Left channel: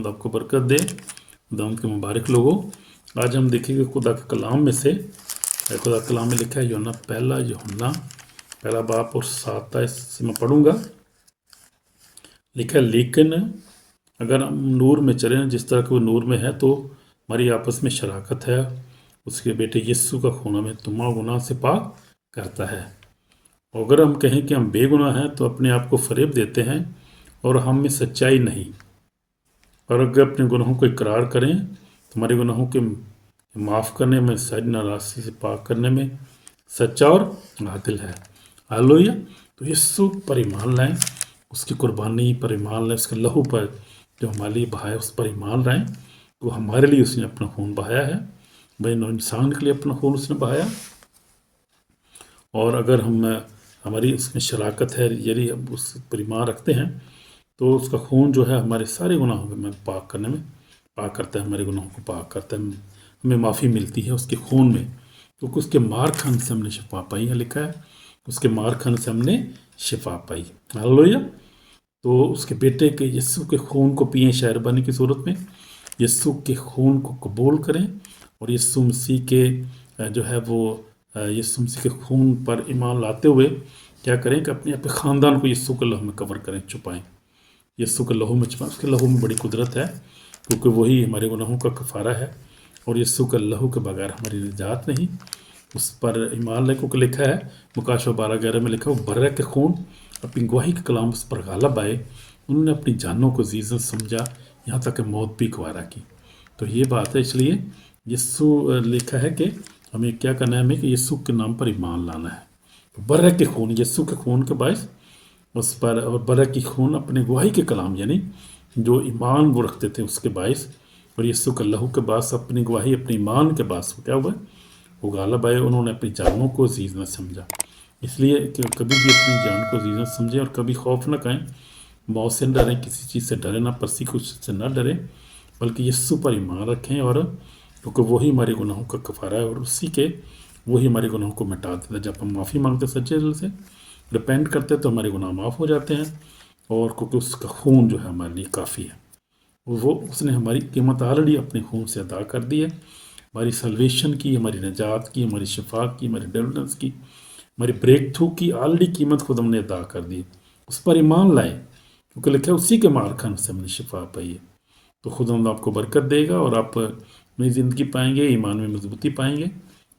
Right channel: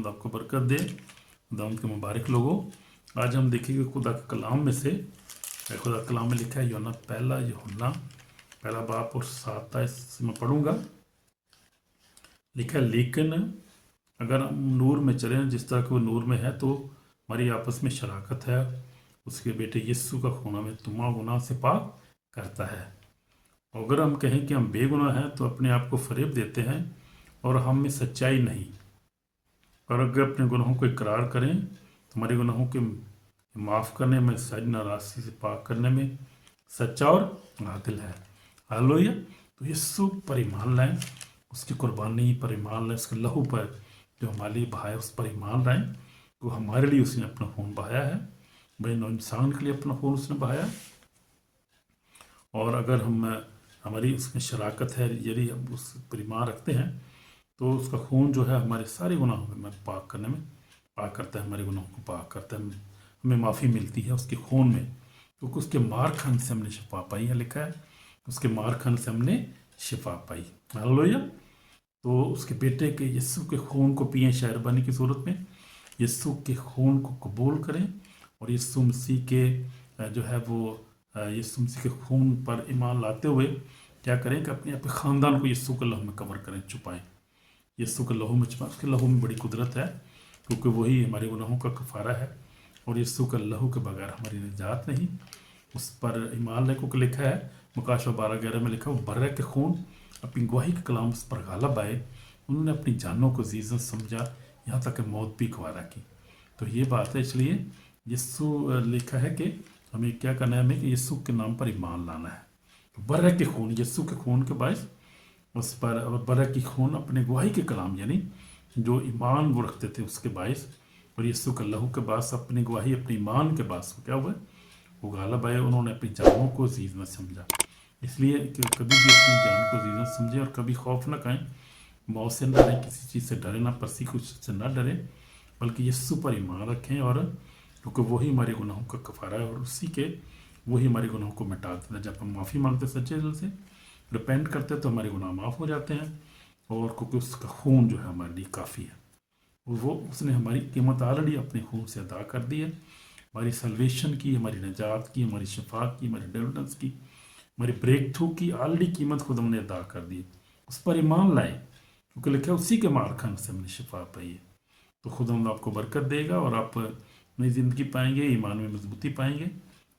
खुदावंद आपको बरकत दे, खुदावंद के मुबारक लोगों। आज हम देखेंगे खुदा के कलाम में से, खुदा के कलाम में लिखा है यूहन्ना पहला बाप और 7 इससे मैं पढ़ूंगा। लिखा है, लेकिन अगर हम नूर में चलें जिस तरह के वो नूर में है, तो हमारी आपस में शराकत है, उसके बेटे यीशु का खून हमें तमाम गुनाह से पाक करता है। और अगर हम कहें कि हम बेगुनाह हैं तो अपने आप को फरेब देते हैं और हम में सच्चाई नहीं। और अगर अपने गुनाहों को इकरार करें तो हमारे गुनाहों के माफ़ करने में, सारी नाराज़गी से पाक करने में सच्चा और आदिल है। हालेलुया। तो यीशु पर ईमान लाएं, उसकी कुर्बानी पर ईमान लाएं, उसके लहू पर जो हमारे लिए बहाया उस पर ईमान लाएं। तो हमारे लिए उसने अपना खून बहाया है, भाई इंसान के लिए अपना खून उसने बहाया। और अगर हमारी उसमें शराकत है, यदि हम उस पर ईमान रखते हैं, तो उसका खून जो है हमारे सारे गुनाहों में पाक करने में पाक करता है, हमारे गुनाहों को पाक करता है, हमें माफ़ी मिलती है उसके खून में। क्योंकि उसके मार खाने से हमने शिफा पाई है, लिखा है उसके मार खाने से हमने शिफा पाई। हालेलुया। तो उसके बेटे के यीशु के खून को पिए शहरबानी की सूरत में, यीशु के खून को कबूल करें और यीशु मसीह के जो है वो यीशु मसीह के खून पर ईमान लाते हुए क्या करें कि अपने ख़ानदान को यीशु के लहू में कवर करें, छुपाएं, यीशु के लहू में छुपाएं। उसके लहू में बड़ी कुदरत है, क्योंकि वही हमारे गुनाहों का कफ़ारा है और यीशु के लहू के बगैर हमारी निजात नहीं। उस पर ईमान ले, क्योंकि लिखा है मुकाशवा 12:11 में लिखा है, वो बर्रे के खून अपनी गवाही के कलाम उस पर गालब आए, उन्होंने अपनी जानों को जीजत समझा, यहाँ तक कि मौत भी गवारा की। तो ये बात है, इसलिए यीशु लिखा है कि हमें क्या करना है, हमें कि यीशु के नाम पर ईमान लाना है। तो बर्रे के खून, यीशु के खून के बायस उस पर, और बर्रे की खून अपने गवाही के कलाम यानी जो ईमान वो रखते थे उसके बायस, और यीशु के लहू के बायस अपनी गवाही अपने ईमान के बायस क्या हुआ, वो गालब आए, उन्होंने अपनी जानों को अजीज न समझा। इसलिए कि कभी भी अपनी जान को अजीज न समझें और कभी खौफ न करें, मौत से न डरें, किसी चीज़ से डरें ना, परसिक्यूशन से न डरें, बल्कि यीशु पर ईमान रखें। और क्योंकि वही हमारे गुनाहों का कफ़ारा है और उसी के वही हमारे गुनाहों को मिटा देता है। जब हम माफ़ी मांगते सच्चे दिल से रिपेंट करते तो हमारे गुनाह माफ़ हो जाते हैं, और क्योंकि उसका खून जो है हमारे लिए काफ़ी है, वो उसने हमारी कीमत ऑलरेडी अपने खून से अदा कर दी है। हमारी सल्वेशन की, हमारी निजात की, हमारी शिफा की, हमारी डिलीवरेंस की, हमारी ब्रेक थ्रू की ऑलरेडी कीमत खुद हमने अदा कर दी। उस पर ईमान लाए, क्योंकि लिखा है उसी के मार खाने से हमने शिफा पाई है। तो खुद हम आपको बरकत देगा और आप नई ज़िंदगी पाएंगे, ईमान में मजबूती पाएंगे।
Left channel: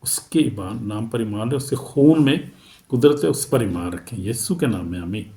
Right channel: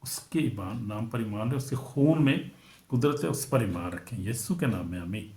उसके ईमान नाम पर ईमान है, उसके खून में कुदरत है, उस पर ईमान रखें। यीशु के नाम में आमीन।